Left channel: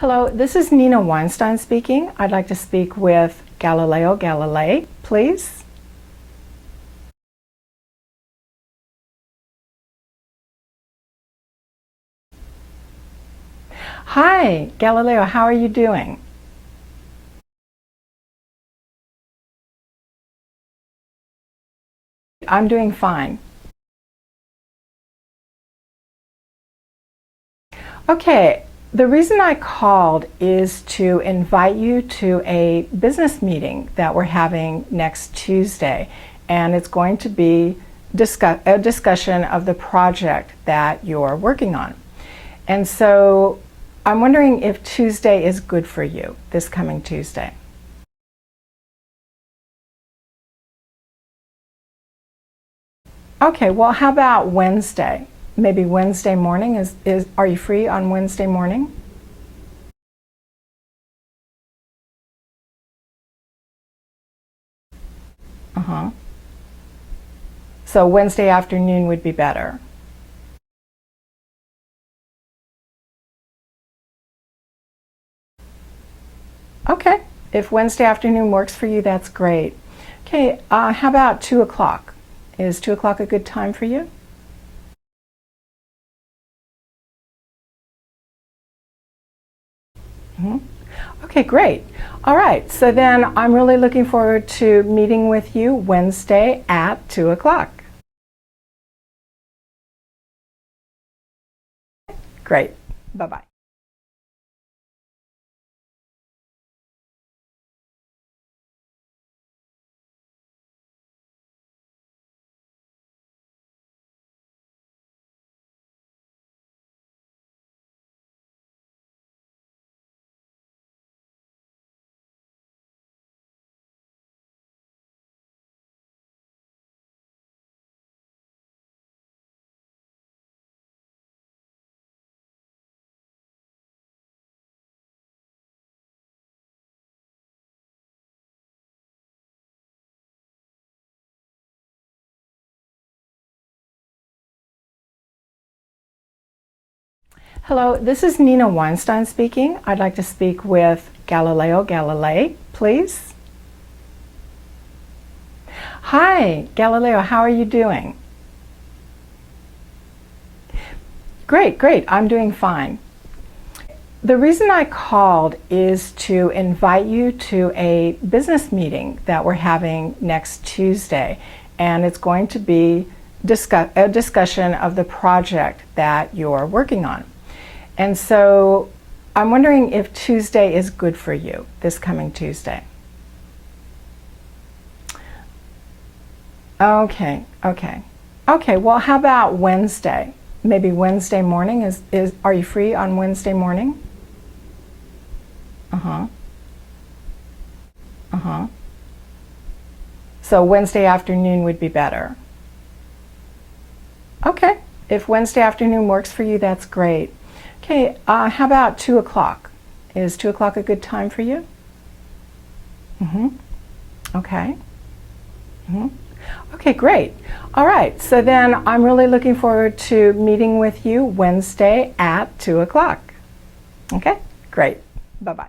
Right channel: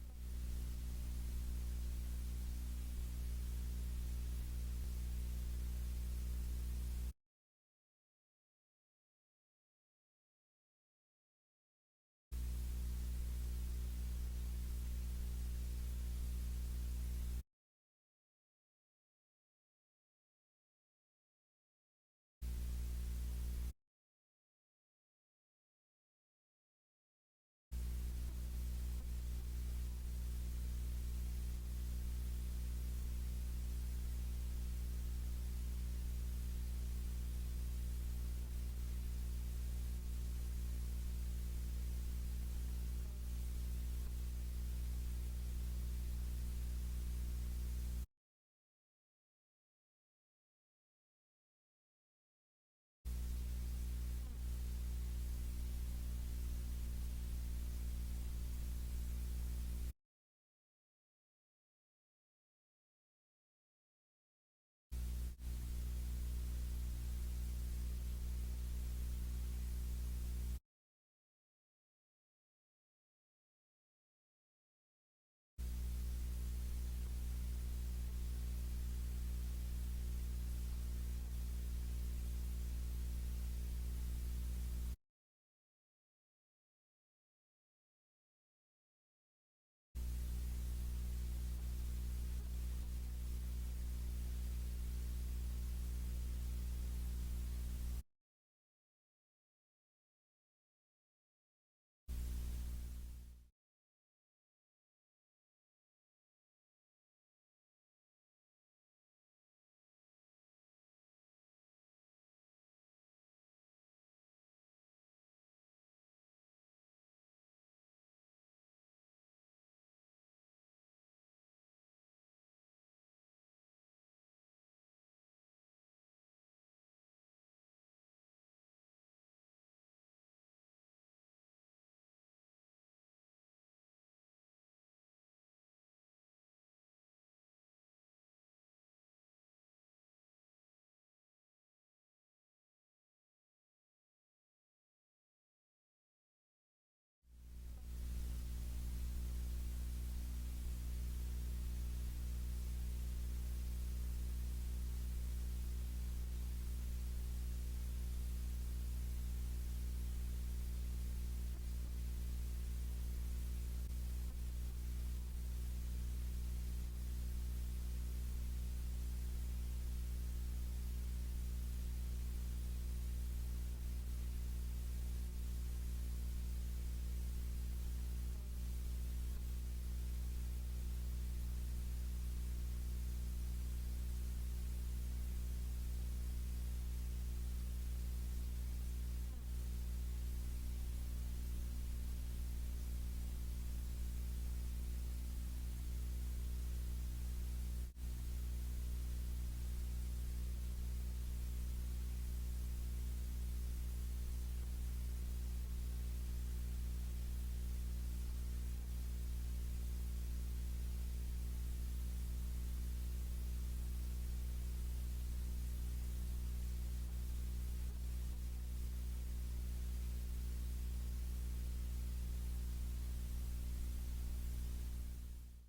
Hello, this is Nina Weinstein speaking. I'd like to speak with Galileo Galilei, please. Hi, Galileo, how are you doing? I'm doing fine. Okay, the reason I called is to invite you to a business meeting that we're having next Tuesday, and it's going to be a discussion of the project that you're working on. And so I'm wondering if Tuesday is good for you, this coming Tuesday. Okay, well, how about Wednesday? Maybe Wednesday morning are you free on Wednesday morning? Uh-huh. So Wednesday afternoon would be better. Okay, if Wednesday afternoon works for you, that's great. Okay, how about 2 o'clock? Is 2 o'clock a good time for you? Mm-hmm. Okay, great. All right, so then I'm really looking forward to meeting with you Wednesday at 2 o'clock. Great. Bye-bye. Hello, this is Nina Weinstein speaking. I'd like to speak with Galileo Galilei, please. Hi, Galileo, how are you doing? Great, great. I'm doing fine. The reason I called is to invite you to a business meeting that we're having next Tuesday, and it's going to be a discussion of the project that you're working on. And so I'm wondering if Tuesday is good for you, this coming Tuesday. Okay, okay. Okay, well, how about Wednesday? Maybe Wednesday morning are you free on Wednesday morning? Uh-huh. Uh-huh. So Wednesday afternoon would be better. Okay, if Wednesday afternoon works for you, that's great. Okay, how about 2 o'clock? Is 2 o'clock a good time for you? Mm-hmm. Okay. Mm-hmm. Okay, great. All right, so then I'm really looking forward to meeting with you Wednesday at 2 o'clock. Okay, great. Bye-bye.